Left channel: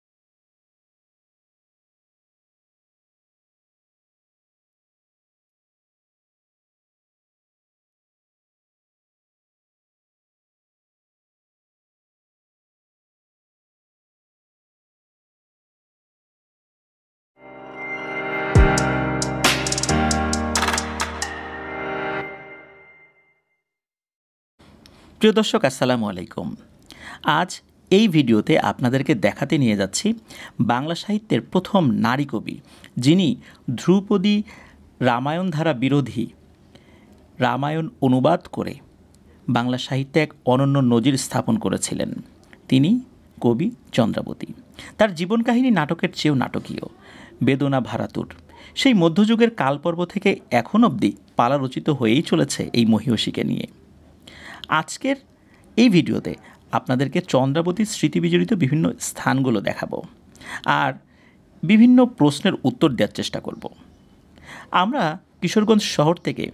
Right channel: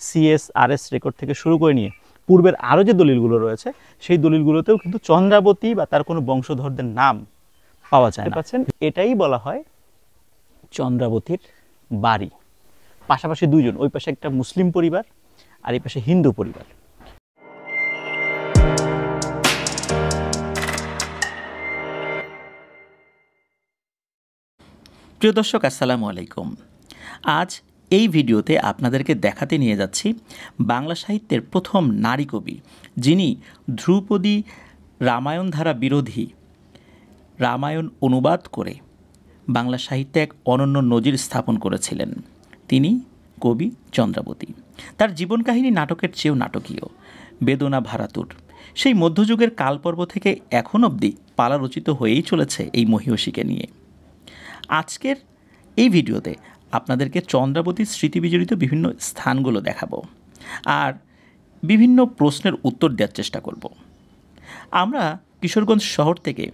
CSRS record থেকে শুরু করে নিয়ে পূর্বের আরও যে দলিলগুলো রয়েছে সেই দলিলগুলোতেও কিন্তু চন্দ্রাবতী বা তার কোনো বংশধরদের নাম পাওয়া যায় না। এটাই বলা হয় চন্দ্রাবতীর বাড়ি। পাশাপাশি দুইজন, ওই পাশে একটা মুসলিম পরিবার আর এই পাশে হিন্দু পরিবার। প্রিয় দর্শক, আসসালামু আলাইকুম। আজ এই ভিডিওতে আপনাদেরকে দেখাতে নিয়ে যাচ্ছি বাংলা সাহিত্যের প্রথম নারী কবি, যিনি ধ্রুপদী রামায়ণ ধারা বিরোধী রামায়ণ অনুবাদ করে বাংলা সাহিত্যে এক অনন্য নজির স্থাপন করেছিলেন। তিনি কবি চন্দ্রাবতী। তার জীবন কাহিনী নাটকের চেয়েও নাটকীয়, বেদনা ভারাতুর। সেই মধ্যযুগের কালপর্ব থেকে এখন অবধি পালা রচিত হয়েই চলেছে এই মহিয়সীকে নিয়ে। আজকের এই ভিডিওতে আপনাদেরকে চন্দ্রাবতীর স্মৃতিবিজড়িত বিভিন্ন স্থানগুলো দেখাবো আর বিভিন্ন প্রশ্নের উত্তর দেওয়ার চেষ্টা করব। আমরা কিশোরগঞ্জ শহর থেকে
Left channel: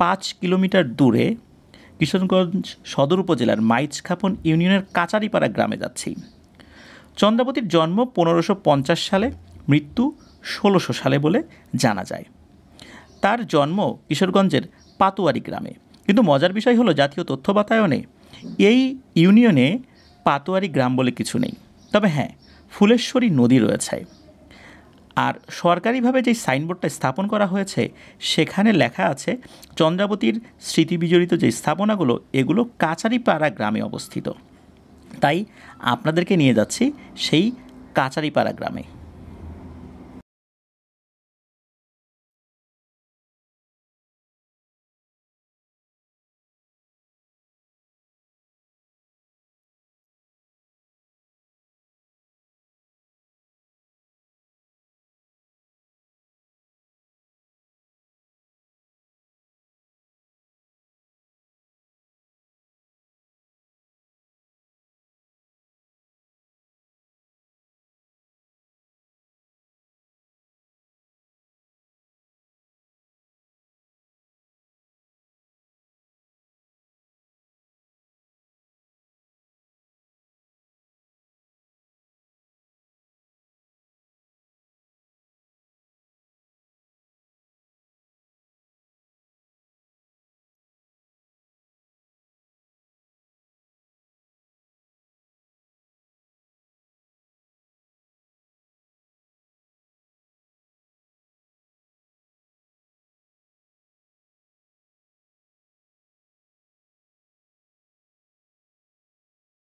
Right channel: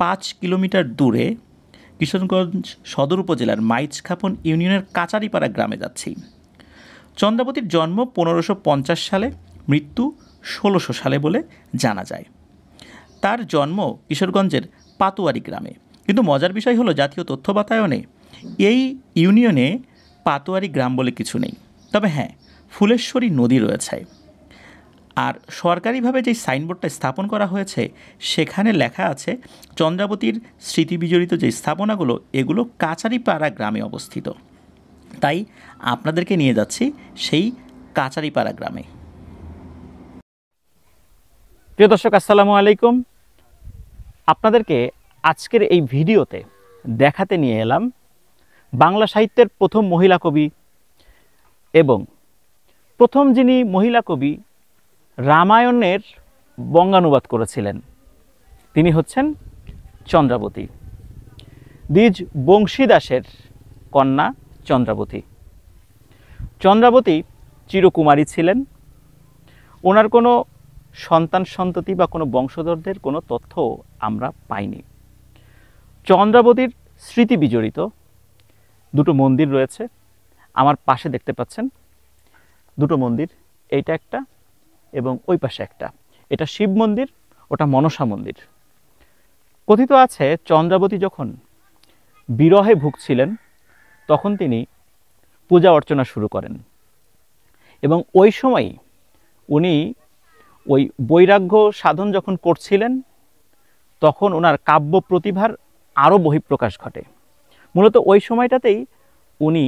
5 কিলোমিটার দূরে কিশোরগঞ্জ সদর উপজেলার মাইজখাপন ইউনিয়নের কাচারিপাড়া গ্রামে যাচ্ছি। চন্দ্রাবতীর জন্ম 1550 সালে, মৃত্যু 1600 সালে বলে জানা যায়। তার জন্ম কিশোরগঞ্জের পাতুয়ারি গ্রামে। কিন্তু মজার বিষয় হলো, জাতীয় তথ্য বাতায়নে এই ইউনিয়নে পাতুয়ারি গ্রাম বলে কিছু নেই। তবে হ্যাঁ, ফুলেশ্বরী নদী রয়েছে। আর সরকারিভাবে যে সাইনবোর্ডটা স্থাপন করা হয়েছে সেখানে লেখা আছে চন্দ্রাবতীর স্মৃতিবিজড়িত যে স্থাপনাগুলো, এগুলো কাচারিপাড়া গ্রামে অবস্থিত। তাই আপনাদেরকে নিয়ে যাচ্ছি সেই কাচারিপাড়া গ্রামে। প্রিয় দর্শক, আসসালামু আলাইকুম। আপনাদেরকে আজকের এই ভিডিওতে দেখাতে নিয়ে এলাম বাংলা সাহিত্যের প্রথম মহিলা কবি এবং প্রথম যিনি মহিলা কবি রামায়ণের বঙ্গানুবাদ করেছিলেন, তিনি হচ্ছেন চন্দ্রাবতী। দ্বিজ বংশীদাসের কন্যা চন্দ্রাবতী। চন্দ্রাবতী চিরকুমারী ছিলেন। ওনার কোনো সন্তান সন্ততি বা কোনো বংশধরদের কোনো তথ্য আমরা পাইনি। চন্দ্রাবতীর স্মৃতি বিজড়িত দুটো মন্দির রয়েছে। আমার পাশে দেখতে পাচ্ছেন দুটো মন্দির, এইটা একটা এবং ওই পাশে একটা। এটা শিব মন্দির, ওটা মনসা মন্দির। কথিত আছে চন্দ্রাবতী যখন বিরহে ভুগছিলেন তখন তিনি পূজা অর্চনা শুরু করেন এবং ওই সময় উনি ওই বৈরাগ্য সাধন যখন করছিলেন তখন ওনার কাব্য প্রতিভার আরও বহিঃপ্রকাশ ঘটে। মূলত ওই সময়টাতেই উনি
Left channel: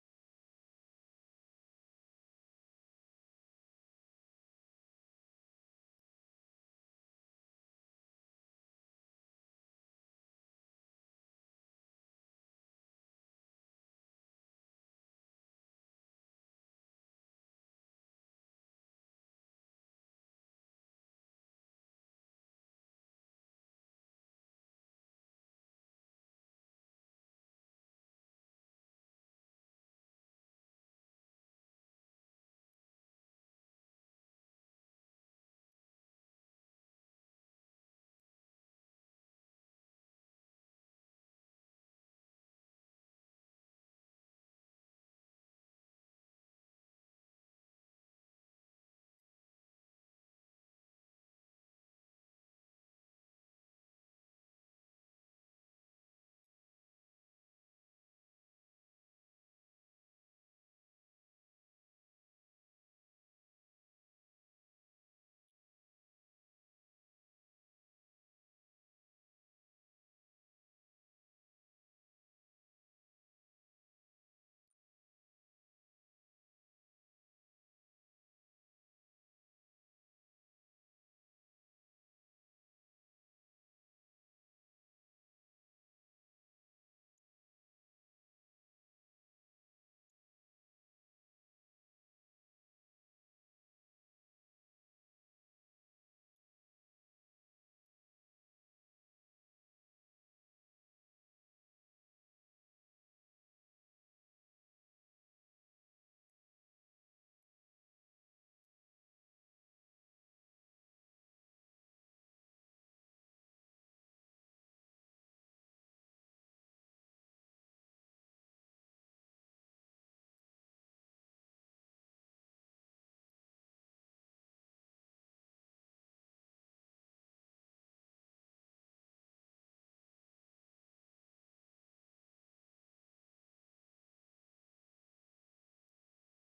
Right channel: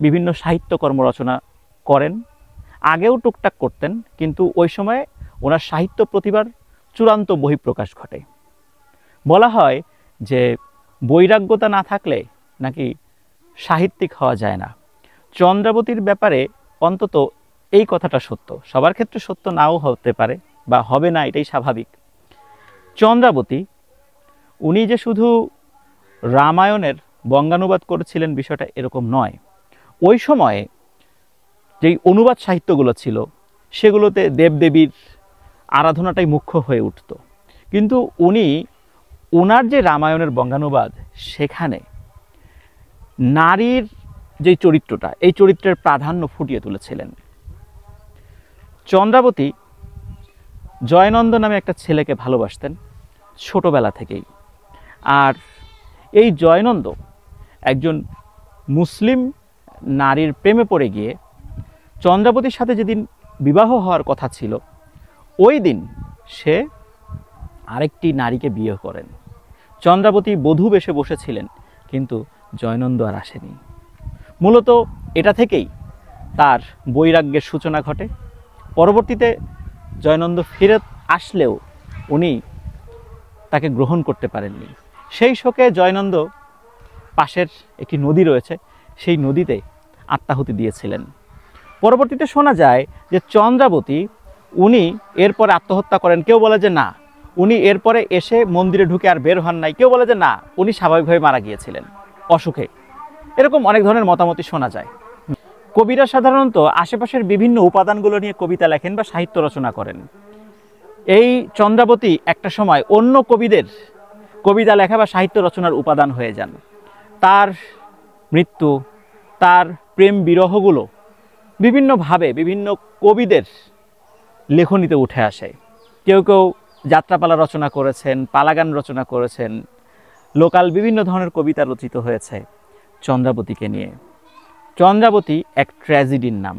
বিভিন্ন সাহিত্যকর্ম রচনা করেন। আগেও টুকটাক করতেন, কিন্তু ওই সময়ে ওনার সাহিত্য প্রতিভার চূড়ান্ত বহিঃপ্রকাশ ঘটে। বলা হয় যে বৈরাগ্যতা না থাকলে নাকি সাহিত্যিক হওয়া যায় না। চন্দ্রাবতীর ব্যাপারে অন্তত এই কথাটা সত্য। সবার ক্ষেত্রে সত্য নাও হতে পারে বা হবে না, এটাই স্বাভাবিক। চন্দ্রাবতী উনি যে শুধু রামায়ণের বঙ্গানুবাদ করেছিলেন বিষয়টা এরকম নয়। ওই সময়ে যেই অনুবাদ সাহিত্যগুলো ছিল সেগুলোতে দেবদেবীর আরাধনাটাই মুখ্য হয়ে উঠত। কিন্তু উনি ওনার যে রামায়ণের বঙ্গানুবাদ, সেখানে নারীর যে চরিত্রটা, এই চরিত্রের প্রাধান্য ফুটিয়ে তুলেছিলেন। চন্দ্রাবতী জয়নন্দ নামে একটা ছেলেকে ভালোবাসতেন ছোটবেলা থেকেই। আর এই জয়নন্দ একজন মুসলিম নারীর প্রেমে পড়ে গিয়ে চন্দ্রাবতীর সাথে যেদিন বিবাহ হওয়ার কথা ছিল ওই দিন সে আরেকটি নারীকে বিয়ে করেন। চন্দ্রাবতী বধূ বেশে বসেছিলেন, কিন্তু জয়নন্দ আর আসেনি। মূলত এটা থেকেই তার বৈরাগ্যের সূচনা ঘটে। পরবর্তীতে জয়নন্দ ফিরে আসলেও উনি তাকে গ্রহণ করতে পারেননি। সেই শোকে জয়নন্দ পাশের একটি নদী রয়েছে, সেই নদীতে আত্মাহুতি দিয়েছিলেন। পরবর্তীতে শোনা যায় যে চন্দ্রাবতী উনি এরপরে আত্মহত্যা করেন। কেউ বলে যে না, উনি এরপরে এসে মন্দিরে ঢুকে আর বের হন নাই। কেউ বলে যে না, উনি স্বাভাবিকভাবে মারা গিয়েছিলেন অসুখে। এরকম অনেক ধরনের মতামতই শোনা যায়। কবিরা সাধারণত আশেপাশের বিভিন্ন উপাদানগুলো নিয়ে কবিতা লেখেন বা সাহিত্য রচনা করেন। এই চন্দ্রাবতী একটা সময় অন্য কবিদের কবিতা লেখা বা সাহিত্য রচনার উপাদান হয়ে যান। তার মৃত্যু, তার প্রেম বিরহগুলো বিভিন্নভাবে বিভিন্ন কবিদের লেখনীতে উঠে আসে। কেউ কেউ যাত্রাপালা রচনা করেছেন, পালাগান রচনা করেছেন, লোকাল বিভিন্ন ধরনের কবিতা রচিত হয়েছে চন্দ্রাবতীকে নিয়ে। চন্দ্রাবতী এক ট্র্যাজেডির নাম।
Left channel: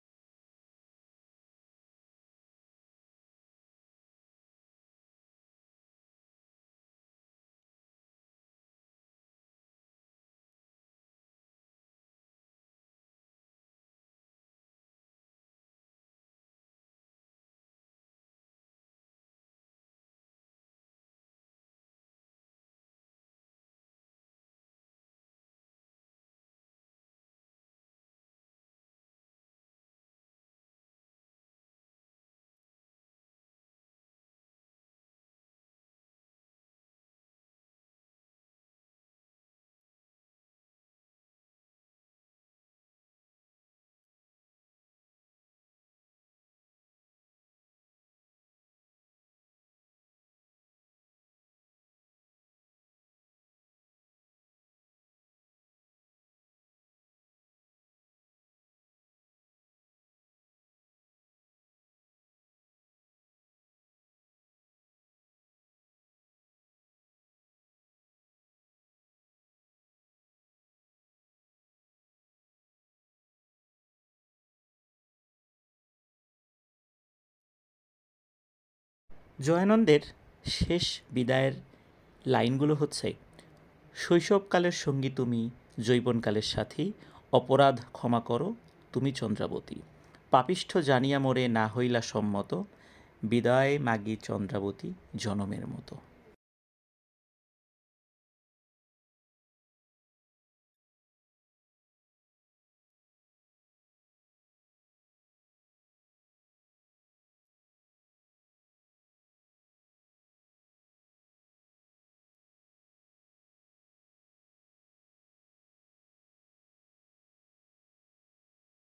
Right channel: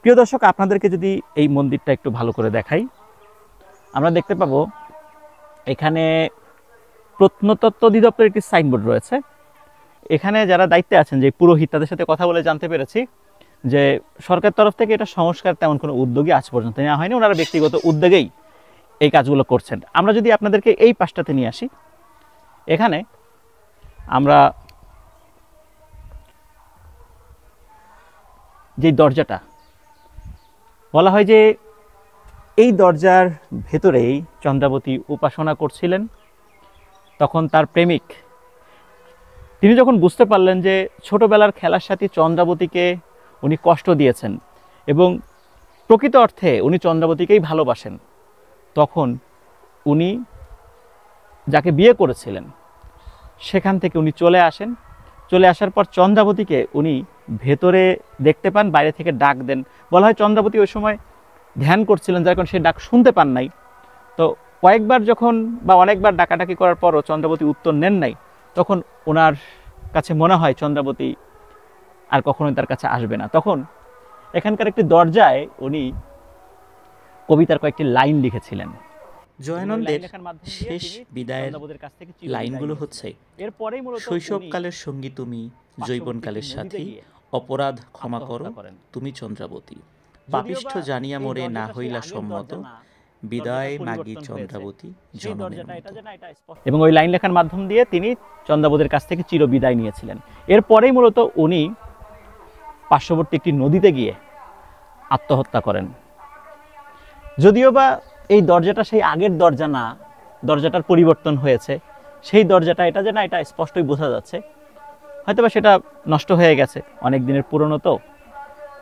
প্রিয় দর্শক, আপনাদেরকে যদি এই মন্দিরটা একটু ভালো করে দেখাই, আমরা দেখতে পাবো এখানে প্রত্নতত্ত্ব অধিদপ্তরের একটি সাইনবোর্ড রয়েছে। এখানে যারা দায়িত্বে আছেন, যে পুরোহিত, তাদের সাথে কথা বলে জানতে পেরেছি যে সরকার তরফ থেকে এটা সংস্কার তেমন কোনো উদ্যোগই আজ পর্যন্ত নেওয়া হয়নি, ওনারা ব্যক্তিগত উদ্যোগেই এই কাজগুলো করছেন। আমরা যদি আপনাদেরকে এই পাশটাতে নিয়ে আসি, এখানে আমরা যে দরজাটা বলা হয় যে এই দরজার ভেতরেই চন্দ্রাবতী উপাসনা করছিলেন। তখন তার প্রেমিক, তিনি যখন বুঝতে পারলেন যে ছোটবেলার খেলার সাথী চন্দ্রাবতীকে উনি কষ্ট দিয়েছেন এবং প্রকৃত অর্থে উনি চন্দ্রাবতীকেই ভালোবাসেন, তখন উনি যাকে বিয়ে করেছিলেন সেখান থেকে উনি চলে আসেন। চলে আসার পর চন্দ্রাবতীকে উনি ভেতরে দেখতে পান, বাইরে থেকে ডাক দেন। বলা হয় চন্দ্রাবতী ওই সময় ধ্যান করছিলেন, যার কারণে সে ডাক শুনতে পান নাই। তো কয়েকবার যখন বা অনেকবার ডাকাডাকি করার পরও চন্দ্রাবতী উত্তর নেন নাই, তখন ওনার কাছে মনে হয় চন্দ্রাবতী আর কখনোই তার কাছে আসবে না। তখন এখানকার একটি দরজায় উনি কবিতার কয়েকটি লাইন লিখেছিলেন। জয়ানন্দের শেষ বিদায়ের লাইনগুলো হচ্ছে, শৈশবকালের সঙ্গী তুমি, যৌবনকালের সাথী, অপরাধ ক্ষমা করো তুমি চন্দ্রাবতী, পাপিষ্ঠ জানিয়া মোরে না হইলা সম্মত, বিদায় মাগি চন্দ্রাবতী জনমের মতো। এবং ওই লাইন লেখার মাধ্যম দিয়ে তিনি চন্দ্রাবতীর কাছ থেকে চির বিদায় নিয়েছিলেন। এরপরেই মূলত উনি পার্শ্ববর্তী একটি নদীতে গিয়ে আত্মহত্যা করেন। যদিও বা এই দরজাটা সেই আগের দরজা না, দরজাটার পরিবর্তন হয়েছে। সেই দরজাটা এটা যে না, এটা স্পষ্টই বোঝা যাচ্ছে। হয়তোবা সেটা নষ্ট হয়ে গেছে, অনেক দিনের পুরনো তো।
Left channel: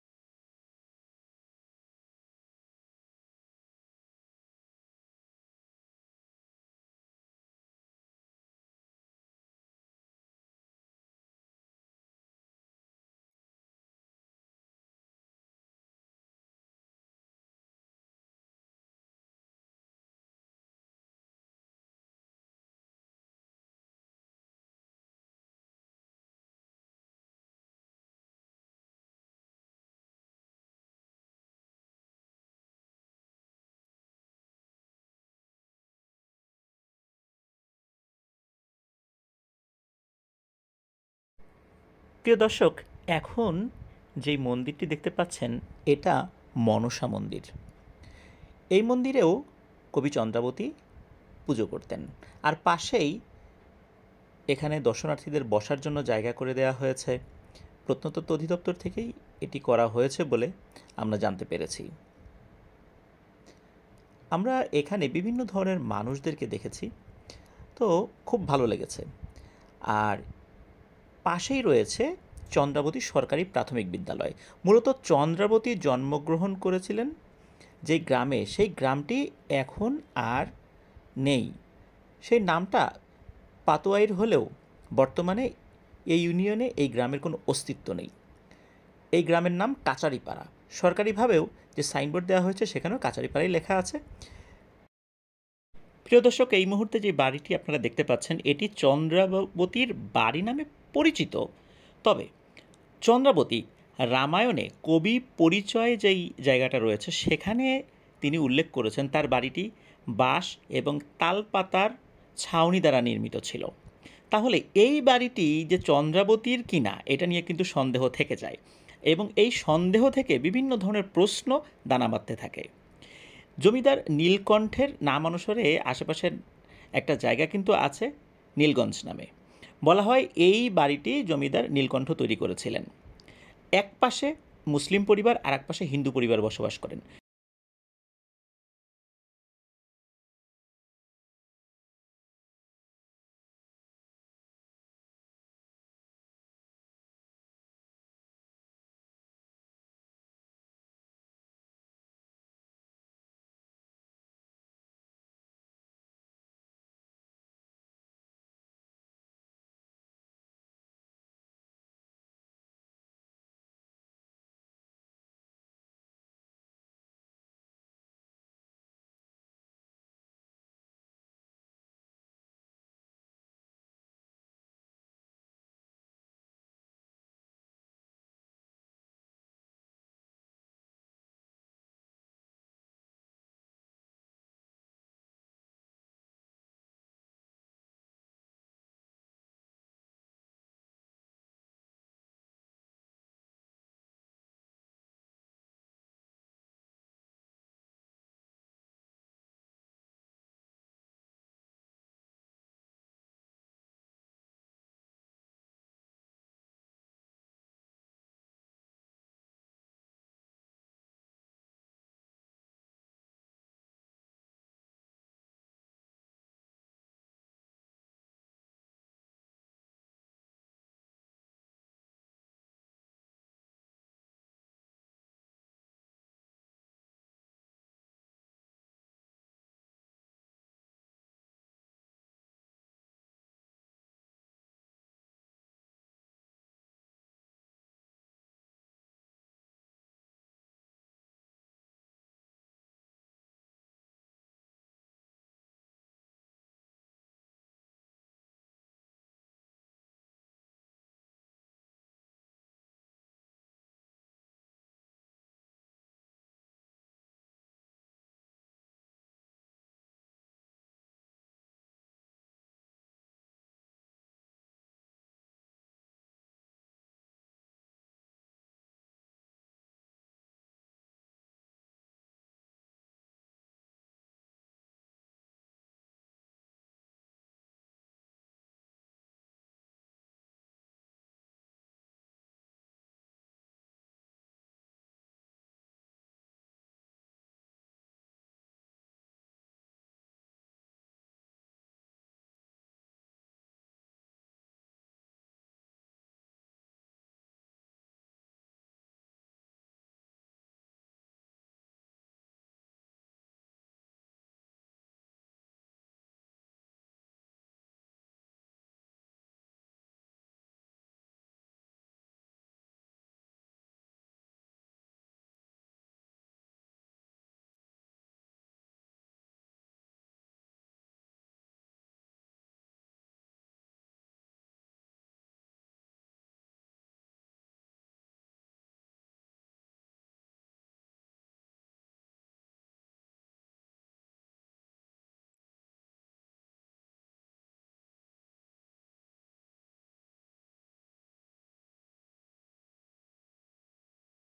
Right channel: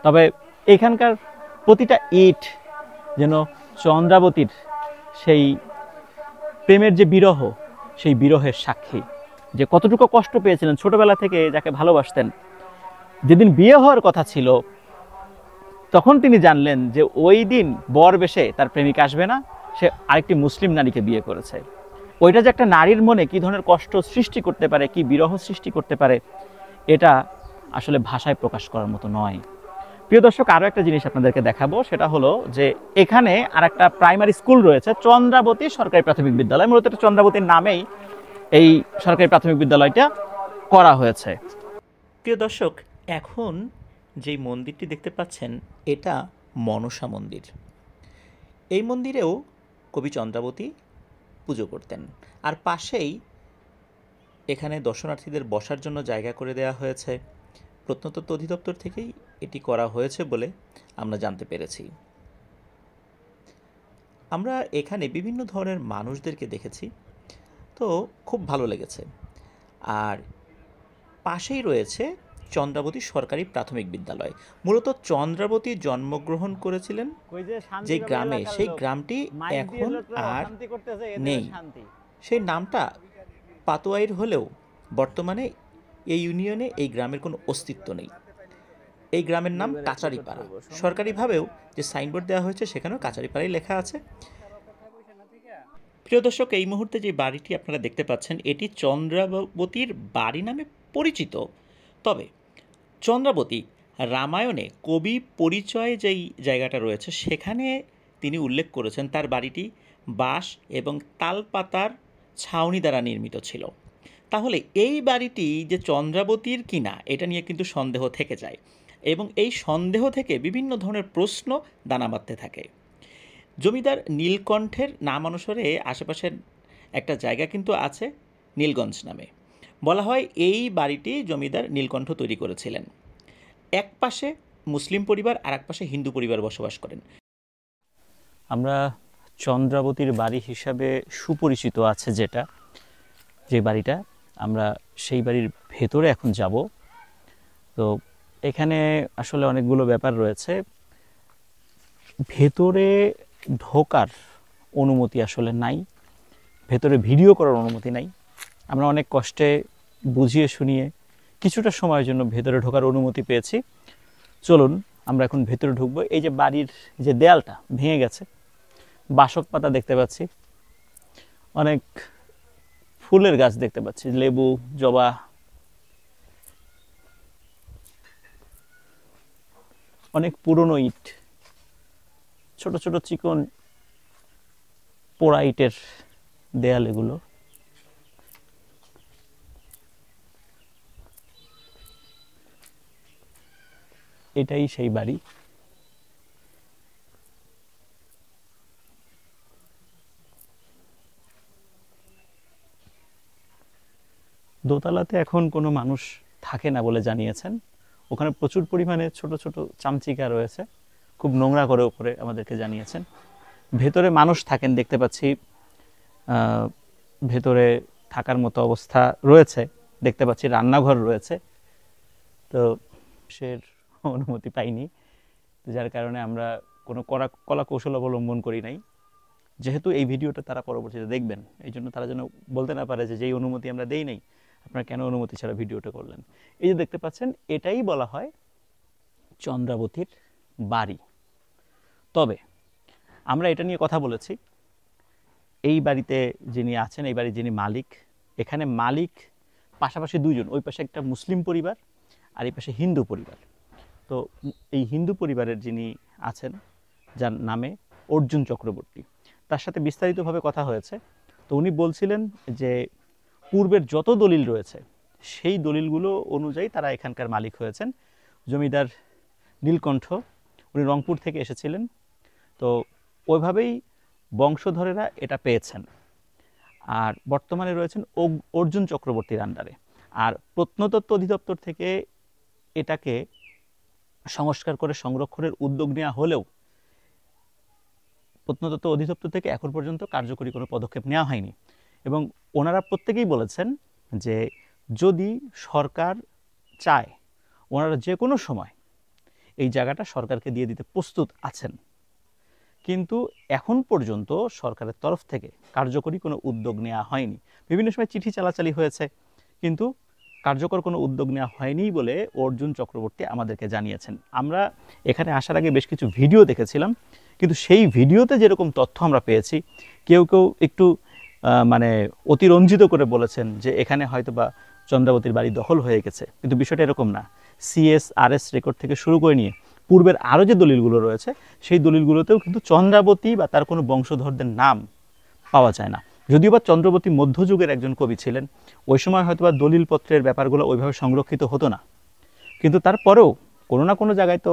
তবে এখানকার প্রতিটা ইট যেন চন্দ্রাবতীর সেই প্রেমের যে বিরহ, সেই বিরহের সাক্ষী। যে কতটুকু কষ্ট পেয়েছিলেন ছোটবেলা থেকে যাকে ভালোবাসতেন, যেদিন বিয়ে হওয়ার কথা ছিল তখন তিনি জানলেন যে ওই দিন বর বেশে তার প্রেমিক আসবে না, সে আরেকটি মুসলিম নারীকে বিয়ে করেছে। ওইটা যে একটা নারীর মনে কী ধরনের কষ্ট সৃষ্টি করতে পারে, কি বিরহ সৃষ্টি করতে পারে, এটা আসলে ভাষায় প্রকাশ করার মতো নয়। প্রিয় দর্শক, আরও একটা জিনিস আপনাদেরকে দেখাবো, সেটা হলো যে এখানে আর একটা প্রাইমারি স্কুল রয়েছে, চন্দ্রাবতী সরকারি প্রাথমিক বিদ্যালয়। মূলত এটা চন্দ্রাবতীর নামেই এই সরকারি প্রাথমিক বিদ্যালয়টা করা হয়েছে। প্রিয় দর্শক, এখন যেই মন্দিরটি দেখতে পাচ্ছেন এটা মনসা মন্দির। এই মন্দিরেও কবি চন্দ্রাবতী পুজো করতেন। আর পাশেই এখানে দর্শনার্থীদের বসার জন্য জায়গা করে দেওয়া হয়েছে। প্রত্নতত্ত্ব অধিদপ্তর থেকেই এটি করা হয়েছে বলে আমরা জানতে পেরেছি। আমরা এখানে বিভিন্ন ধরনের মানুষদেরকে দেখেছি, তো খুব ভালো লেগেছে। আর পাশেই রয়েছে চন্দ্রাবতী সরকারি প্রাথমিক বিদ্যালয়। মূলত চন্দ্রাবতী জন্মগ্রহণ করেছিলেন যে গ্রামে, সেই গ্রামটি এখন আর নেই। সেই নামটা পাতোয়াইর হলেও বর্তমানে এই ইউনিয়নে এই গ্রামের কোনো অস্তিত্ব নেই। এই গ্রামের নাম কাচারিপাড়া। সরকারিভাবেও যে সাইনবোর্ড দেওয়া হয়েছে সেখানেও কাচারিপাড়াই লেখা আছে। প্রিয় দর্শক, এই মুহূর্তে যে বাড়িটি আপনারা দেখতে পাচ্ছেন এটি চন্দ্রাবতীর বাড়ি নামে পরিচিত। তবে চন্দ্রাবতী রামায়ণে কবি পরিচয়ে যেই জায়গাটা রয়েছে সেখানে তিনি উল্লেখ করেছেন তার বাড়িটি বাঁশ এবং তালপাতার ছাউনি দ্বারা নির্মিত ছিল। তাহলে এই বাড়িটি যে চন্দ্রাবতীর কিনা এটা নিয়ে কিন্তু সন্দেহ থেকে যায়, এবং এই সন্দেহ থেকে বিভিন্ন ধরনের প্রশ্ন দানা বাঁধতে থাকে। জমিদার নীলকণ্ঠের নাম অনুসারে আশেপাশের একটা জায়গা কিন্তু আছে নীলগঞ্জ নামে। বলা হয় এই বাড়িটি জমিদার নীলকণ্ঠ তৈরি করেছিলেন। এক পাশে মুসলিম পরিবার আর এক পাশে হিন্দু পরিবার বসবাস করেন। আমরা চন্দ্রাবতীর বাড়ি হিসাবে সুপরিচিত আছে যে বাড়িটা, আমরা সেই বাড়ির ভেতরে এখন যাব। তো এখানে আসলে অনেকগুলো ব্যাপার রয়েছে। ভেতরে ঢোকার অনুমতি আসলে নাই, ভেতরে ভিডিও করার অনুমতি নাই। আমরা অনেক কষ্টে বুঝিয়ে শুনিয়ে কিছুটা সময়ের জন্য ভেতরে ঢোকার অনুমতি পেয়েছি। চলুন আমরা এখন ভেতরে ঢুকবো। এই যে বাড়ির যে দেয়ালটা ভেঙে গেছে, বাসক পাতা দেখতে পাচ্ছি, অনেক ফুলের গাছ দেখতে পাচ্ছি, লেবু, জবা, অনেক পুরনো ইট, ছোট ছোট চিকন পোড়া ইটের দেয়াল এগুলো। এটাই সেই বাড়ি। দোতলাতে এখন কোনো মানুষ থাকে না বলে জানিয়েছেন। ওখানে প্রচুর পরিমাণে ছোট ছোট চামচিকা রয়েছে, খুব নোংরা করে ওপরে আমাদেরকে জানিয়েছেন। ভেতরে মানুষ থাকেন দেখতে পাচ্ছি, ভেতরে থাকার মতো অবস্থা রয়েছে দেখতে পাচ্ছি, রান্নাঘর রয়েছে। তো সে অনুমতি পাইনি, যার কারণে আমরা কোনো কলা কৌশল অবলম্বন করি নাই। যেহেতু এই ভিডিওটা তারা পরবর্তীতে দেখবেন, এই জন্য তারা যেন বলতে না পারে যে যেই অনুমতি আমরা দেই নাই, আপনারা কেন অনুমতি ছাড়া ভিডিওটা করলেন। এই যে দেখতে পাচ্ছেন, এটাই বলা হয় চন্দ্রাবতীর বাড়ি। তবে আমরা এটা নিয়ে কথা বলেছি, এই বাড়িতে যিনি আছেন, এই বাড়ির যিনি মালিক, এখানে মালিক পাশাপাশি দুইজন, ওই পাশে একটা মুসলিম পরিবার আর এই পাশে হিন্দু পরিবার। তো এই হিন্দু পরিবারের যিনি আছেন, যার নামে অর্জুন চক্রবর্তী, তার সাথে বিস্তারিতভাবে কথা হয়েছে। তো উনি বলছিলেন যে পূর্বের যত দলিল রয়েছে সেই দলিলগুলো অনুযায়ী তারা এখানকার মালিক হয়েছেন। জমিদার নীলকণ্ঠ, উনি রংপুর থেকে এসেছিলেন, তো ওইভাবেই বংশধরেরা এটা পেয়েছেন। আর বর্তমানে রয়েছেন অর্জুন চক্রবর্তীর আন্ডারে। আর প্রত্নতত্ত্ব অধিদপ্তর থেকে এটাকে সংস্কার করে সংরক্ষণের উদ্যোগ নেওয়া হলেও প্রত্নতত্ত্ব অধিদপ্তর থেকে এখন পর্যন্ত কার্যকরী কোনো পদক্ষেপ নেওয়া হয়নি। এবং ওনারা প্রত্যেকেই বলেছেন যে যদি সরকার চায়, ওনারা যে কোনো সময় এই জায়গাটা সরকারকে দিয়ে দিতে প্রস্তুত আছেন। কিন্তু এখন পর্যন্ত সরকারের তরফ থেকে কার্যকরী কোনো উদ্যোগ নেওয়া হয়নি। বিভিন্ন সময় চিঠি চালাচালি হয়েছে, কিন্তু কার্যকর কোনো উদ্যোগ নেওয়া হয়নি বলে অর্জুন চক্রবর্তী আমাদেরকে জানিয়েছেন। আমরা এখানে আসার আগে বেশ কিছু ভিডিও দেখেছিলাম, কিন্তু সেই ভিডিওতে যেরকম তথ্য আমরা পেয়েছি, কেউ কেউ একটু মানে অতিরঞ্জিত করে বলেছেন যে এখানে হয়তো বা চন্দ্রাবতীর বাড়ি দখল হয়ে গেছে, কিন্তু বিষয়টা এরকম না। CSRS রেকর্ড থেকে শুরু করে নিয়ে পূর্বের আরও যে দলিলগুলো রয়েছে, সেই দলিলগুলোতেও কিন্তু চন্দ্রাবতী বা তার কোনো বংশধরদের নাম পাওয়া যায় না। যদিও বা চন্দ্রাবতী মধ্যযুগের একজন কবি ছিলেন, ওই সময় হয়তো বা দলিলপত্রের ব্যাপারগুলো ওইভাবে সংরক্ষিত হতো না, কিন্তু তারপরেও কোনো না কোনো জায়গায় তো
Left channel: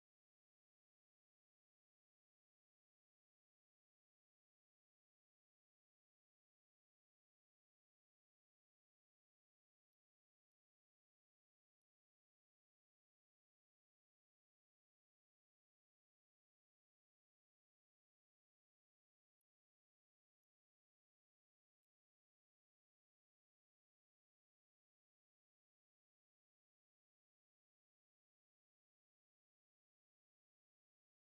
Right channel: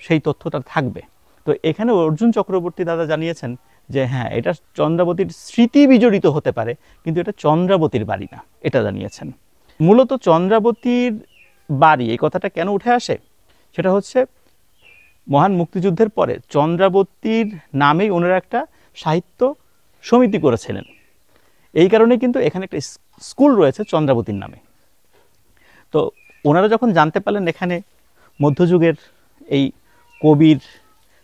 সেই তথ্যটা থাকবে। তো এখানে অর্জুন চক্রবর্তী দাদা জানিয়েছেন যে হ্যাঁ, এটা চন্দ্রাবতীর স্মৃতি বিজড়িত হতে পারে, কিন্তু এটা চন্দ্রাবতীর বাড়ি না, এটা জানিয়েছেন। মূলত চন্দ্রাবতীর বাড়ি এই কথাটা কেন উঠে আসে, সেটা হচ্ছে মহান মুক্তিযুদ্ধের পরে চন্দ্রাবতীর নামেই ওনারা একটা সাহিত্য সমিতি করেছিলেন। এই কারণে কিন্তু এখানে একটা স্কুল রয়েছে চন্দ্রাবতীর নামে। তো ওনারা যখন জানতে পারলেন এখানে মধ্যযুগের এই কবির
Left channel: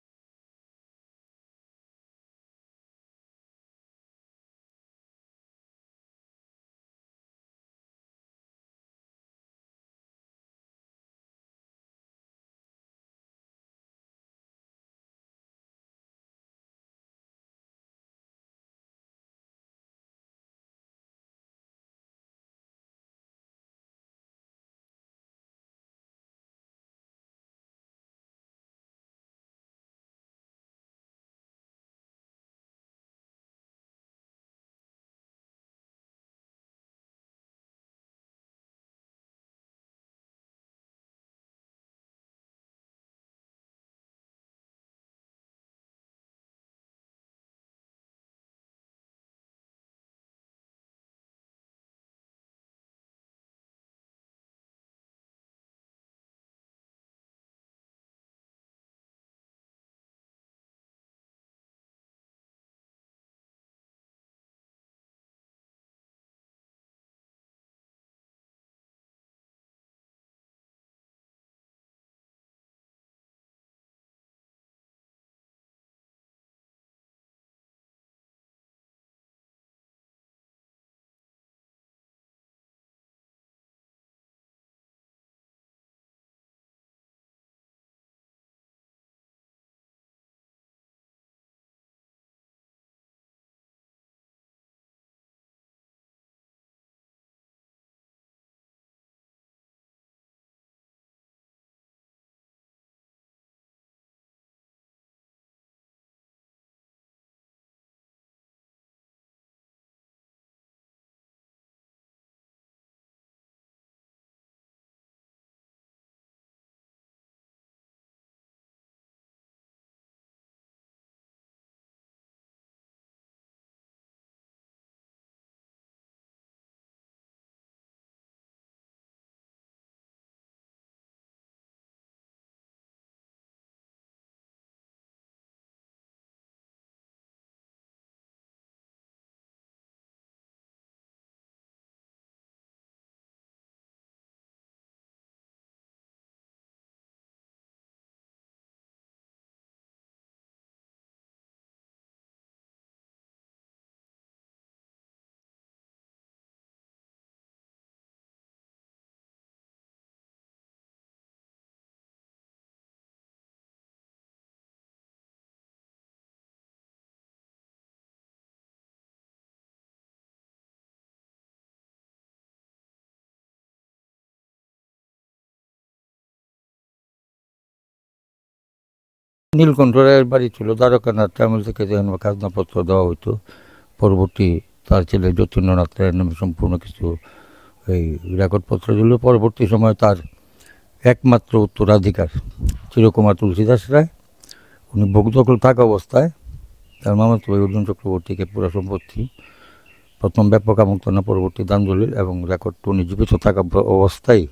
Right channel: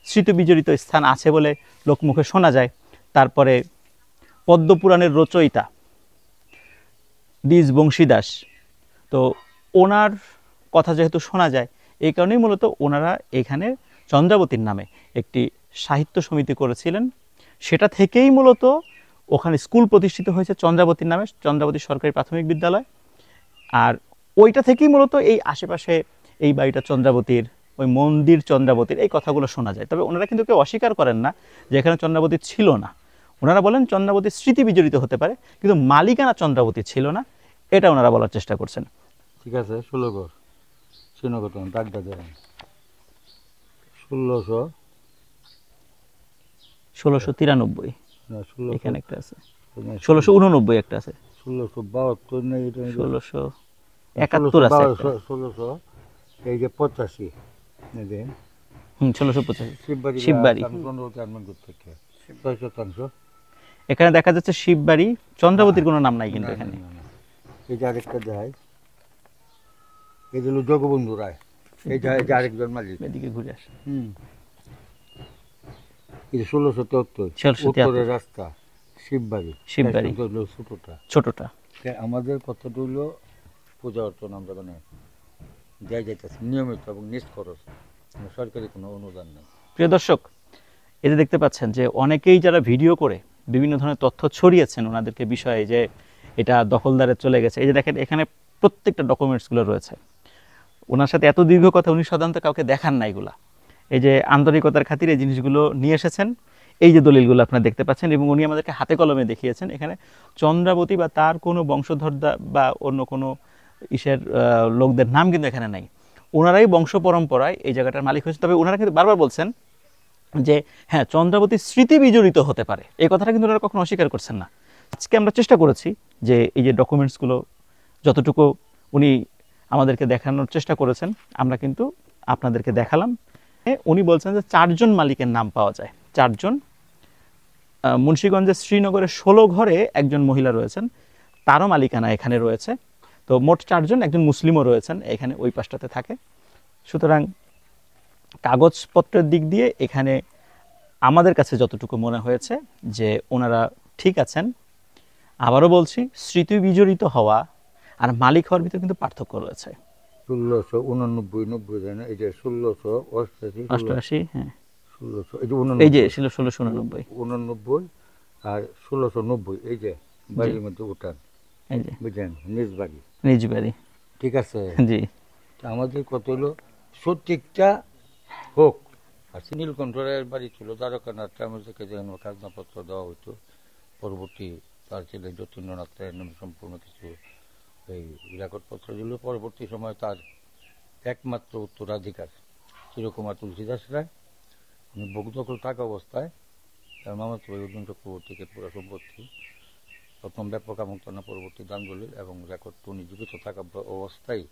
স্মৃতিবিজড়িত স্থান আছে বলে লোকমুখে শোনা যায়, তারপরে পদ্মপুরাণের রচয়িতা দ্বিজ বংশীদাস, তো ওনার কথা যেহেতু শোনা যায়, এই কারণেই মূলত ওনারা এখানে চন্দ্রাবতীর নামে একটি সাহিত্য সমিতি করেছিলেন। সেটা থেকেই মূলত ওখানে স্কুল প্রতিষ্ঠিত হয়েছে চন্দ্রাবতীর নামে, চন্দ্রাবতী সরকারি প্রাথমিক বিদ্যালয়। আর ওইটা থেকেই মূলত এই আশেপাশে এই বাড়িটা চন্দ্রাবতীর, ওই মন্দির চন্দ্রাবতীর, এই কথাগুলো শোনা যায়। তবে ওনারা কিন্তু কেউ অস্বীকার করেন না যে এখানে চন্দ্রাবতী ছিল না। ওনারা বলেন চন্দ্রাবতীর স্মৃতি বিজড়িত হতে পারে, কিন্তু মালিকানা চন্দ্রাবতী ছিল না, এটা ওনারা বলার চেষ্টা করছেন। ঠিক আছে, 16 ঘর শ্রীনগর দাগটা দেন 1693 না, 16 এখানে একটা আছে 1689 একটা আছে, 1672 না, এটা 1671 আছে একটা। 1600 এই যে 85 দেন 1685 শিববাড়ি শিববাড়ি। শিববাড়ি শতাংশ এখানে দেখা যাচ্ছে শিববাড়ি, চন্দ্রাবতীর কোনো নাম নাই কিন্তু এখানে। এই যে আরেকটা দেখাই, এই হলো জগবন্ধু রায়, এই যে আরেকজন মালিক, এদিকে ঘুরে আসে। এই যে 1673 উত্তরের রাস্তা শিববাড়ি, শিববাড়ি ছোটটা ছোটটা। আমাদের কথাটা হইলো পূজা অর্চনা আমরা মানে যাই যাইতেছে নিয়মিত এবং নিজ খরচ, সরকারি কোনো অনুদান নেই। প্রিয় দর্শক, এই যে দেখতে পাচ্ছেন যে অনেকেই যারা ভিডিও করে বিভিন্ন ধরনের তথ্য ছড়িয়েছেন ওনাদেরকে বিষয়ে যে এটা দখলদারে চলে গেছে, এই যে দেখেন এখানে প্রত্যেকটা ডকুমেন্টসগুলো রয়েছে। ওনার সাথে এত দীর্ঘ কথা উনি সাধারণত কাউকে দেখান না এগুলা। এই যে আন্তরিকতার খাতিরে এই জিনিসগুলো নিয়ে এসেছেন, এই যে দলিলগুলো আপনারা দেখতে পাচ্ছেন, এবং উনি আমাদেরকে হাতে কলমে দেখিয়েছেন। এখানে চন্দ্রাবতী বা তার কোনো বংশধর বা অন্য কোনো ইসের লোকদের নাম কিন্তু এখানে নাই। ওনারাই বংশ পরম্পরায় এই জায়গাটার মালিক হয়েছে। তবে ওনারা কিন্তু বারবার বলছেন যে হ্যাঁ, চন্দ্রাবতীর স্মৃতি বিজড়িত হতে পারে, এই কথাটা কিন্তু ওনারা কখনো অস্বীকার করছেন না। আজকে আমরা চেষ্টা করেছি যে এই যে ডকুমেন্টসগুলো যতটুকু উনি আমাদেরকে দেখানোর চেষ্টা করেছেন আমরা কিন্তু আপনাদেরকে দেখালাম। উনি বলছেন যে 4 জন মালিকের নাম পাওয়া যায়, 4 জন। মুন্সিগঞ্জের শ্রীনগরের 16 ঘরে একজন মহিলা রয়েছেন, তারও মালিকানা এখানে রয়েছে। তো মোট 4 জন, একজন মুসলিমও রয়েছেন এখানে ওই পাশটাতে থাকে। সুতরাং কাগজপত্রের দিক দিয়ে এখানে আমাদের কাছে যতটুকু মনে হয়েছে যে ওনারা ঠিক আছেন। আবারও বলছি, স্মৃতি বিজড়িত হওয়া আর মালিক হওয়ার ভিতরে কিন্তু পার্থক্য রয়েছে। 1689 দেয় না, এই যে 1688, হ্যাঁ 1600, এই যে ছিল 1689 89 আর 1690, এই যে বাড়ির মধ্যে উঠান, এই যে বুঝলেন, নিজ বাড়ি, নিজ বাড়ি। ঠিক আছে। জি, আমাদের কত হলো, সঠিকটা হোক। নীলকণ্ঠ রায়ের বাড়ি ছিল দ্বারকানাথ আমল থেকে খাজনাপত্র দেওয়া হইতো। পরবর্তী তার ছেলে যতীন্দ্রনাথ রায়ের নামে সম্পূর্ণ কিছু এই রেকর্ডপত্র দিল। পরবর্তী সময় তার একমাত্র উত্তরাধিকার চিরকুমার তুলসীদাস রায়, উনি ভোগ দখল থাকা অবস্থায় তার মামাতো ভাই অর্জুন চক্রবর্তীকে পুরো সম্পত্তি প্রথম ব্যাপক আমন্ত্রণা, পরবর্তী দান দলিল এবং রেকর্ড উনি জীবিত থাকা অবস্থায়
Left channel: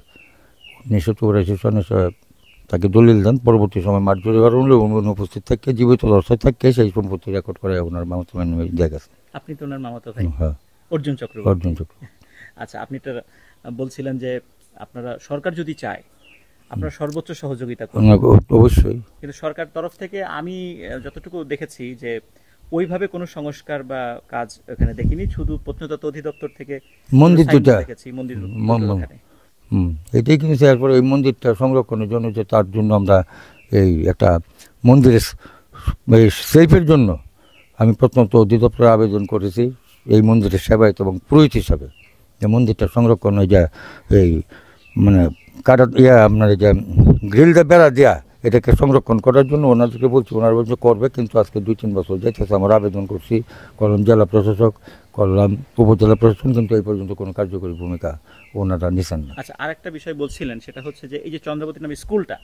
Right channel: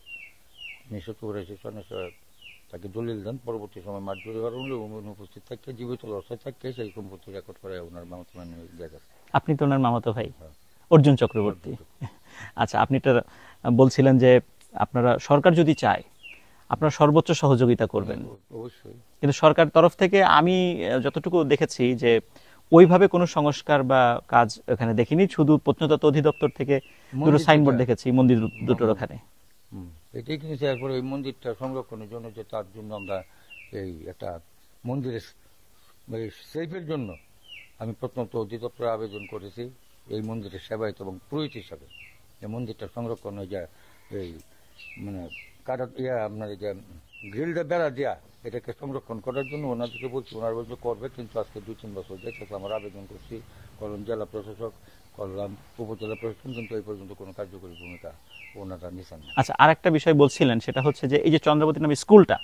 1984 সনে তাকে দলিল দেন। পরবর্তী সময় মাঠ জুড়ে উনি উপস্থিত থাকে, জীবিত অবস্থায় থাকে সেই সম্পত্তি রেকর্ড করে ওনার মামাতো ভাই নামে দেয়া গেছে। আপনি তো ওনার মামাতো ভাই? হ্যাঁ, অর্জুন চক্রবর্তী। অর্জুন চক্রবর্তী। আচ্ছা, আপনি তো বলছিলেন যে আপনারা সরকার যদি চায় আপনারা সর্বোচ্চ সহযোগিতা করবেন। অবশ্যই। কিন্তু সরকার তরফ থেকে আমি যতটুকু দেখেছি যে ওইভাবে কোনো সংস্কার বা কাজ এখানে দেখিনি, শুধু প্রত্নতত্ত্ব অধিদপ্তর থেকে মন্দির দেখেছি, মন্দির দুটোর ওখানে। এটাই কিন্তু এরপরে ওই মন্দিরটা সংরক্ষণের জন্য যে তার জন্য আমরা এই একটা মন্দিরের সেলফের জন্য আমি প্রত্নতত্ত্ব অধিদপ্তরে আবেদন করেছি এই মন্দিরের সেবায়িত এবং পুরোহিত হিসাবে। এই মন্দিরটা সংরক্ষণ হয়ে যায় এই মানে কাটা আপনার এই যে গ্রিল দিয়ে বেড়া দেওয়া, এটাকে সংরক্ষণ করার জন্য ওনাদেরকে বলছি, ওনারা বলছে করবে, কিন্তু আজকে 2-3 বছর যাইতেছে আমরা আবেদন করছি, করলাম জেলা প্রশাসক, করলাম উপজেলা প্রশাসন, কিন্তু এই পর্যন্ত কোনো কার্যকরী ভূমিকা ওনারা নিছেন না। আচ্ছা, আর একটা বিষয় বলছিলেন, সেটা হচ্ছে যে এই যে চন্দ্রাবতী নামে স্কুলটা,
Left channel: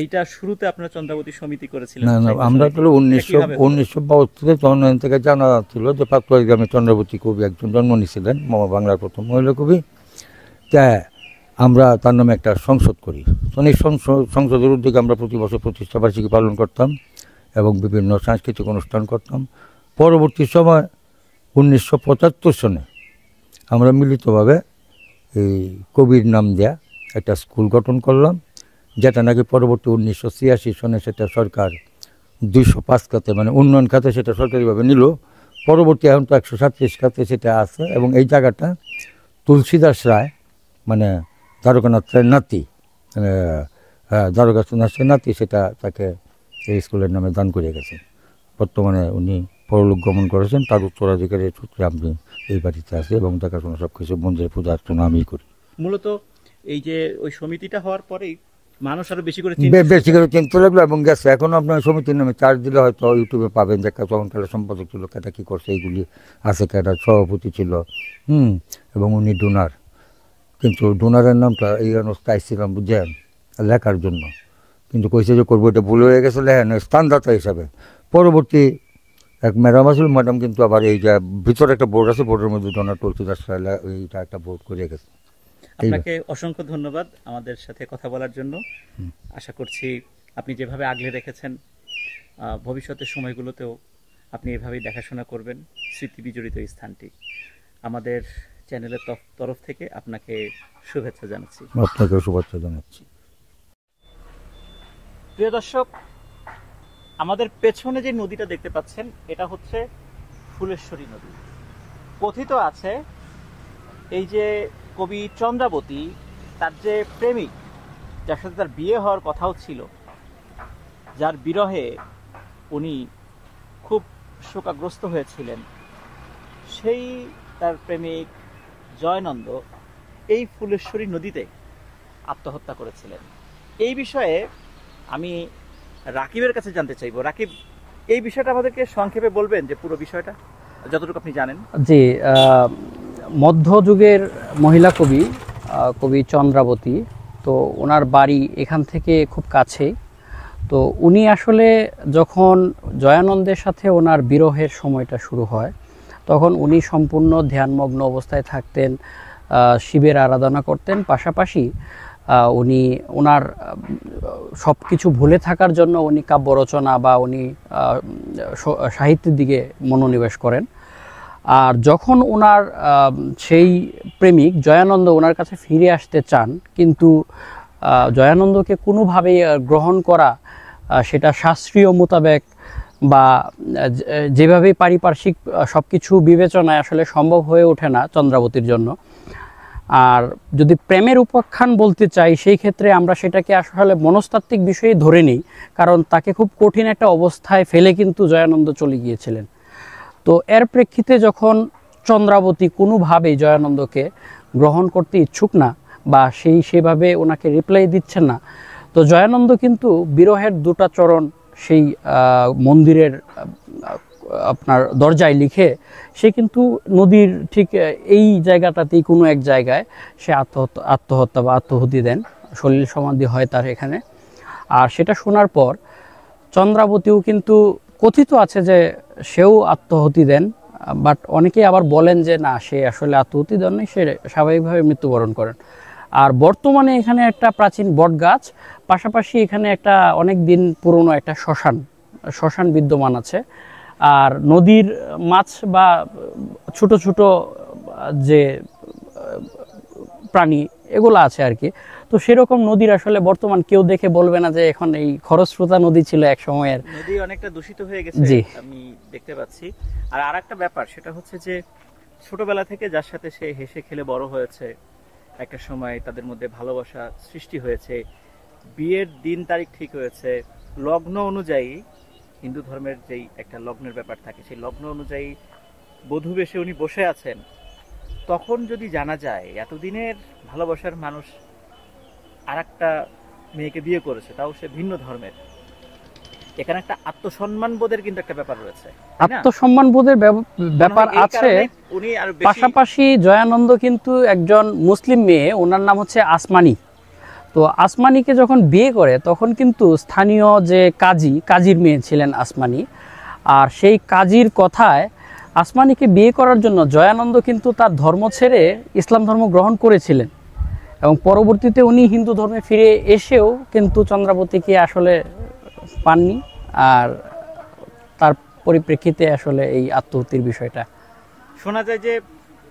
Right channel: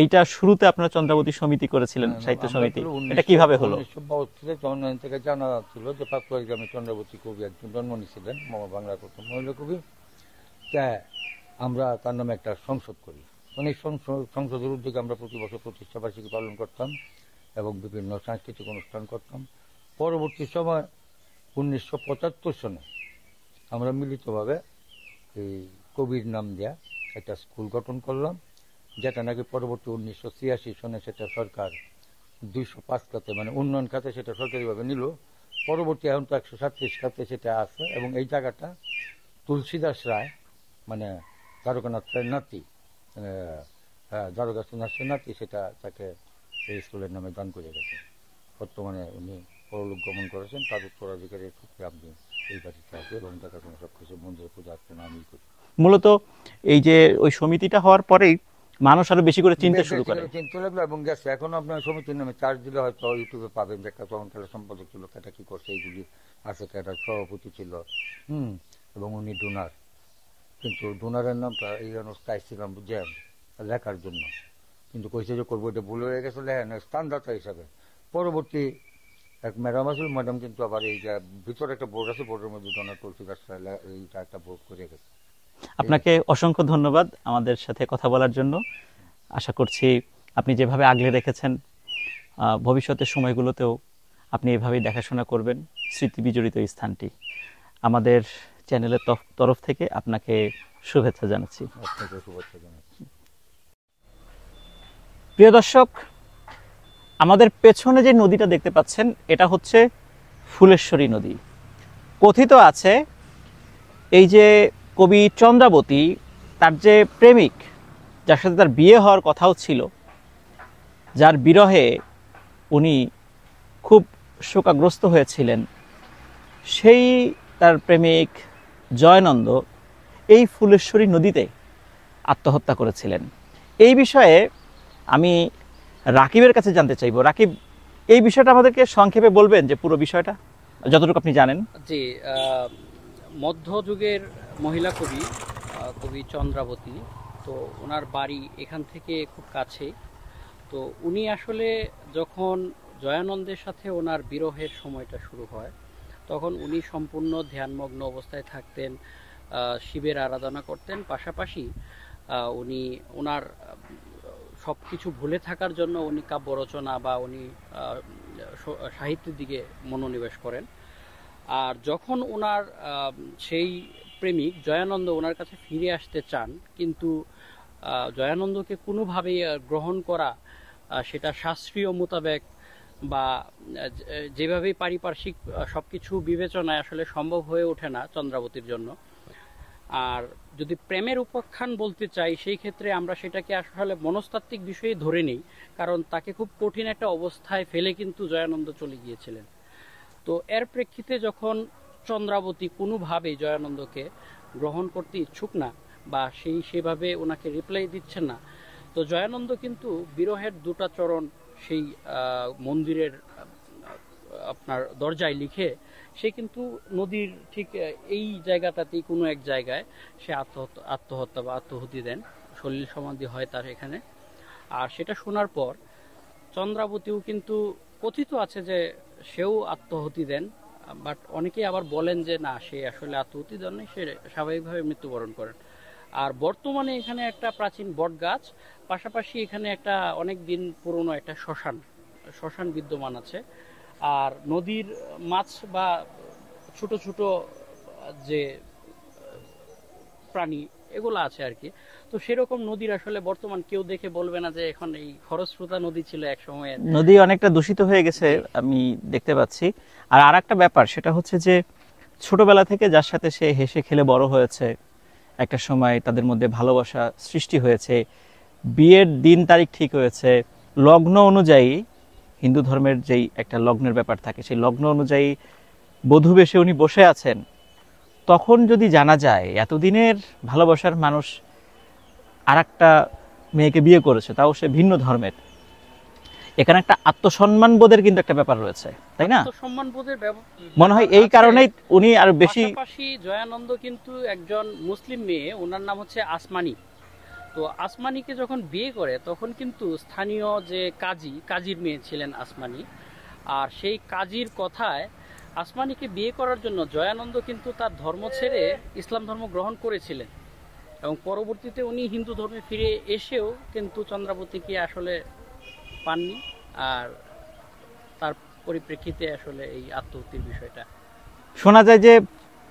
এইটা শুরুতে আপনারা চন্দ্রাবতী সমিতি করেছিলেন? না, আমরা তো 1972 তখন থেকে জানা ছিল যে পাকুয়ারি গ্রামে চন্দ্রাবতী কবি একজন জন্ম নিয়েছিলেন, বাংলার প্রথম মহিলা কবি। তা আমরা তার নামে একটা সংসদ করি। এই সংসদের উদ্যোগে আমরা প্রতি বছর প্রতিষ্ঠাবার্ষিকী পালন করতাম এবং বিভিন্ন সাংস্কৃতিক অনুষ্ঠান করতাম। পরবর্তী সময় 1975 সনে আমরা মিলিতভাবে এই কবির নাম দেয়া একটা স্কুল গঠন করলাম, যেটা নাকি পরবর্তী 1986 সনে সেটা সরকার 205 খাতে মানে উন্নয়ন খাতে সেটা সরকারিভাবে নিল। পরবর্তী এখন তো 137 খাতে সেটা আছে এবং এই জায়গাটা তুলসীদাস রায় মানে দ্বারকানাথ রায়ের নাতি, দ্বারকানাথ রায়ের নাতি সেটা তাকে এই স্কুলের নামে দান করে গেছে। বর্তমানে উনি পরলোক গমন করেছেন, তার উত্তরাধিকারের সূত্রে আমি এই বাড়িতে আছি এবং দেখাশোনা সব কিছু মন্দিরে পূজা অর্চনা আমিই করি। মূলত এই যে ওই সমিতিটা হওয়ার পরেই মানুষ আরো বেশি করে চিনতে লাগলো এবং গেছে। এখনো আপনার সমিতির নামে চার্জ দিলে হয়তো ইউটিউবে পাবেন যে তখন কালে সম্পাদক ছিল, কেটা কী করছে এইগুলি আছে, কেটা সভাপতি ছিল এবং উনি ডোনার, কিন্তু ডোনারের নামটা এই অবস্থায় ছিলাম বুঝছেন লেখার জন্য, কিন্তু কইছে যে করবো, এটা ভুল হয়ে গেছে লেখেন স্থানদাতা হিসাবে। পরবর্তী এক ম্যাডাম আসল, ম্যাডাম কিন্তু আবার এই যে ভিতরে একটা বোর্ড আছে, বোর্ডের মধ্যে ডোনার তুলসীদাস এইটা একটা বোর্ড করে গেছে। আপনাকে অসংখ্য ধন্যবাদ আমাদের সাথে কথা বলার জন্য। আশা করছি আপনি যেভাবে আগলে রেখেছেন ভবিষ্যতের সময়গুলোতেও আপনি এভাবেই দেখাশোনা করবেন স্মৃতি বিজড়িত এই স্থানটি। আমাদের চ্যানেলের তরফ থেকে আপনাকে শুভেচ্ছা জানাচ্ছি। আপনাকেও শুভেচ্ছা জানাচ্ছি। প্রিয় দর্শক, আমাদের পেছনে যে নদীটা দেখতে পাচ্ছেন এটা হচ্ছে ফুলেশ্বরী নদী। কথিত আছে এই যে কবি চন্দ্রাবতী তার যে প্রেমিক, যার সাথে তার বিয়ে হওয়ার কথাও ছিল, যার বিরহে উনি খুব শোকাগ্রস্ত হয়েছিলেন, সেই তার প্রেমিক জয়ানন্দ এই ফুলেশ্বরী নদীতে আত্মহত্যা করেছিলেন। এই বিষয়ে আমি রাকিবের কাছে জানতে চাইব। রাকিব, এই বিষয়টা আমাদেরকে সংক্ষেপে বলবেন যে পুরো বিষয়টা যতটুকু আপনি জানেন। জি, মধ্যযুগের মহিলা কবি কবি চন্দ্রাবতী, তো ওনার বাড়ি এখান থেকে খুব কাছে। তো উনি আসলে যখন জয়ানন্দের সাথে ওনার বিরহের সময়টা শুরু হয়, তখন উনি সম্পূর্ণ ধ্যানমগ্ন অবস্থায় থাকতেন, শিবের আরাধনা করতেন। পাশাপাশি উনি ওনার সব কিছু ভুলে থাকার জন্য উনি কাব্য রচনা বা উনি সাহিত্যের দিকে মনোনিবেশ করেন। আর যখন ওনার সেই প্রেমিক জয়ানন্দ ওনার কাছে ফিরে আসতে চান, কিন্তু জয়ানন্দকে কোনোভাবেই গ্রহণ করা, সেটা শাস্ত্রীয় মোতাবেক বা যেভাবে পারিপার্শ্বিক সব কিছু বিবেচনায় আসলে সম্ভব হয়ে ওঠে না চন্দ্রাবতীর জন্য। আর যদি প্রেমের উপাখ্যান বলতে চাই, সেই ক্ষেত্রে আমরা সেটাকে আসলে মনস্তাত্ত্বিক বিষয়ে ধরে নিই, কারণ তাকে খুব কঠিন একটা অবস্থায় ফেলে কিন্তু জয়ানন্দ চলে গিয়েছিলেন। তো এর প্রেক্ষিতে যখন চন্দ্রাবতী কোনোভাবেই জয়ানন্দকে গ্রহণ করতে ইচ্ছুক না বা সেভাবে ওনাকে রিপ্লাই দিচ্ছেন না, তো জয়ানন্দ কিন্তু বিরহের দুটা চরণ সেই মন্দিরের আপনার দরজায় লিখে সে কিন্তু নদীর ঠিক এই জায়গাটাতেই কোনো এক জায়গায় সে আত্মহত্যা বা আত্মহুতি দেন, সলিল সমাধি হয় তার এখানে। আর সেটা শোনার পর চন্দ্রাবতীও কিন্তু কথিত আছে যে সেও আত্মহুতি দেন, বাট অনেকেই আবার বলেন যে না, সে আসলে আত্মহুতি দেন নাই, সে স্বাভাবিকভাবে মৃত্যুবরণ করেন। আর বর্তমানে এখানে একটা প্রাচীন বট গাছ, পাশাপাশি এখানে একটা অনেক দিন পুরনো একটা শ্মশান বিদ্যমান আছে। আর নদীর মাছ বা ছোট ছোট যে প্রাণী এগুলো আছে আর কি। তো সেরকম নদীর আসলে বর্তমান কেউ দেখে বলবে না যে এখন এই খরস্রোতা নদী ছিল এক সময়ের। নদী অনেকটা দূষিত হয়ে গেছে আমি দেখতে পাচ্ছি। আর আরেকটা ব্যাপার, সেটা হচ্ছে যে ছোটবেলা থেকে যার সাথে সে হেসে খেলে বড় হয়েছে, একটা সময় তাদের মধ্যে ভালোবাসা সৃষ্টি হয়েছে, বিয়ের দিন তারিখ ঠিক হয়েছে, লগ্ন অনুযায়ী হিন্দু ধর্মের যেই একটা লগ্নের ব্যাপার থাকে, সেই লগ্ন অনুযায়ী বধূ বেশে উনি বসে আছেন, তখন যদি জানা যায় এতদিনের ভালোবাসার মানুষ আর একটা মেয়েকে বিয়ে করেছে, তাও সে ভিন্ন ধর্মের, এখানে একটা আত্মসম্মান বোধের কিন্তু একটা ব্যাপার রয়েছে, তাই না? আত্মসম্মান বোধের ব্যাপার এই কারণেই উনি আরো বেশি। পাশাপাশি জয়ানন্দ কিন্তু একজন মুসলিম মেয়ে, ওনার নাম হচ্ছে আসমানি। তো আসমানিকে যখন বিয়ে করে তখন কিন্তু স্থানীয় যে কাজীর মেয়ে ছিলেন আসমানি। আর সেই কাজীর কথায় আসমানিকে বিয়ে করার জন্য জয়ানন্দ কিন্তু তার ধর্ম ছেড়ে ইসলাম ধর্ম গ্রহণ করেছিলেন, এবং পরবর্তীতে উনি হিন্দু ধর্মে ফিরে এসেও কিন্তু চন্দ্রাবতীকে আসলে পাননি। আর তার পরিপ্রেক্ষিতে আসলে এই আত্মহত্যার বিষয়টা শোনা যায় যে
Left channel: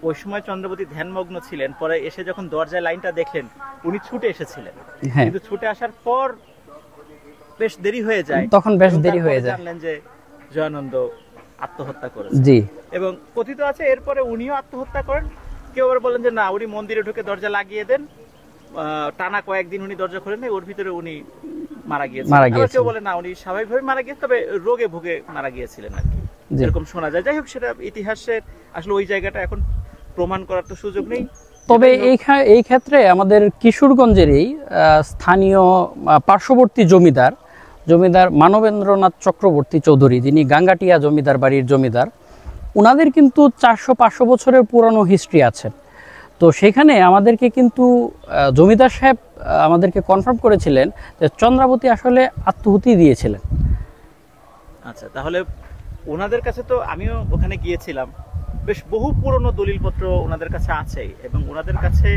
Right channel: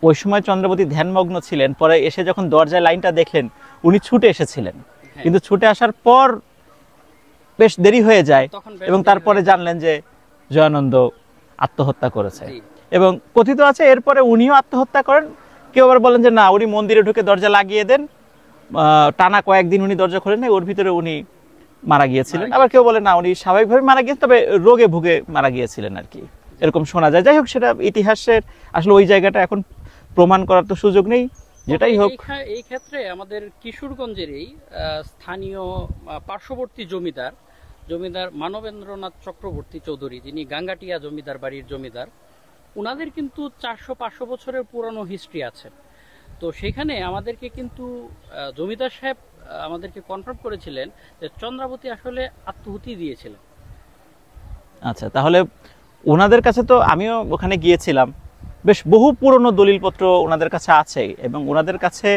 ওই সময় চন্দ্রাবতী ধ্যানমগ্ন ছিলেন, পরে এসে যখন দরজায় লাইনটা দেখলেন উনি ছুটে এসেছিলেন, কিন্তু ছুটে আসার পর বেশ দেরি হয়ে যায়, তখন এবং তারপরে জানলেন যে জয়ানন্দ আত্মহত্যা করেছে। জি, এবং কথিত আছে এরপরে উনিও আত্মহত্যা করেন। কেউ আবার বলেন যে না, উনি মন্দিরে ঢুকে দরজা লাগিয়ে দেন, টানা কয়েকদিন উনি দরজা খোলেন না, ওর ভিতরে উনি মারা গিয়েছিলেন। আবার কেউ বলে না, উনি স্বাভাবিকভাবে মারা গিয়েছেন, তবে রোগে ভুগে মারা গিয়েছিলেন আর কি, এরকম শোনা যায়। যাই হোক, সেটা ইতিহাসের আসলে ওই জায়গাটা এখন প্রমাণ করার তো সুযোগ নেই। তবে এই ক্ষেত্রে আমাদের কিশোরগঞ্জেরই স্থানীয় পার্শ্ববর্তী জমিদার মানবেন্দ্রনাথ চক্রবর্তী চৌধুরী, যিনি গাঙ্গাটিয়া জমিদার বাড়ির জমিদার, ওনাদের কিন্তু 400-500 বছরের পুরানো হিস্ট্রি আছে। তো সেখানে আমাদেরকে কিন্তু জমিদার সাহেব আমাদেরকে কনফার্ম করেছিলেন যে চন্দ্রাবতী আসলে আত্মহুতি দিয়েছিলেন। আচ্ছা, তাহলে ওনাদের কাছে তো আমিও ওখানে গিয়েছিলাম, বেশ বহু পুরনো দলিলপত্র ওনাদের কাছে আছে, এবং ওনাদের কাছে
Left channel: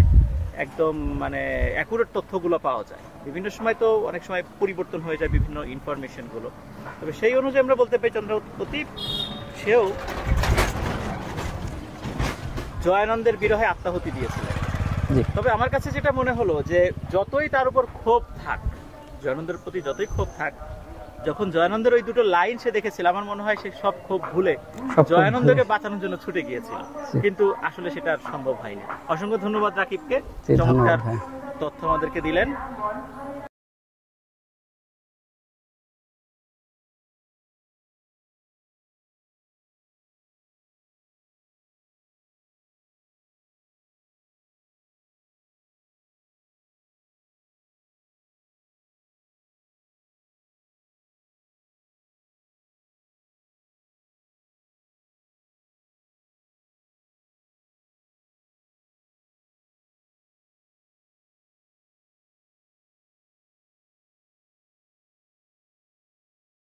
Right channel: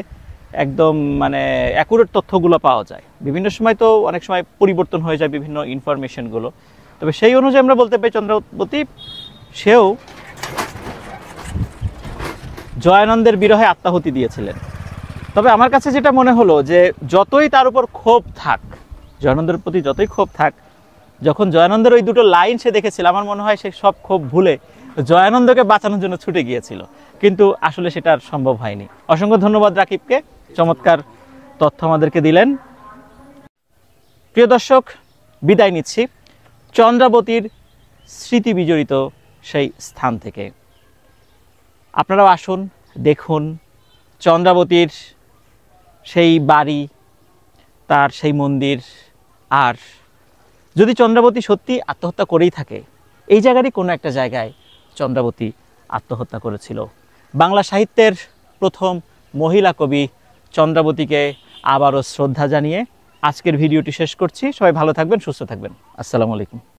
একদম মানে অ্যাকুরেট তথ্যগুলো পাওয়া যায়। বিভিন্ন সময় তো অনেক সময় পরিবর্তন হয়ে যায় বিভিন্ন ইনফরমেশনগুলো, তবে সেই অনুযায়ী আমরা বলতে পারি চন্দ্রাবতী সেও জয়ানন্দের বিরহে আত্মাহুতি দিয়েছিলেন। তবে আমার কাছে যেটা মনে হলো যে যতই তার উপর ক্ষোভ থাক, জয়ানন্দের প্রতি যতই ক্ষোভ থাক, যখন জয়ানন্দের ওই দুটো লাইন সে দেখেছিল, আমার মনে হয় সে সব ক্ষোভ ভুলে জয়ানন্দকে বাঁচানোর জন্য ছুটে গিয়েছিল, কিন্তু আসলে সেটা আর সম্ভব হয়নি। অসংখ্য ধন্যবাদ রাকিবকে, চমৎকার তথ্য আমাদেরকে দিলেন। প্রিয় দর্শক, বিদায় নিচ্ছি চন্দ্রাবতীর স্মৃতি বিজড়িত সেই স্থান থেকে। আপনারাও আসুন, দেখুন চন্দ্রাবতীর সেই বাড়ি, তার সেই মন্দির। আর যদি চন্দ্রাবতী সত্যি আত্মহত্যা করেই থাকে, এই জায়গারই কোনো একটা জায়গায় চন্দ্রাবতী আত্মহত্যা করেছিল। বাংলা সাহিত্যের প্রথম মহিলা কবি চন্দ্রাবতীকে আবারও শ্রদ্ধা জানিয়ে আজকের ভিডিওটি শেষ করছি। সবাই ভালো থাকবেন, সুস্থ থাকবেন। আসসালামু আলাইকুম।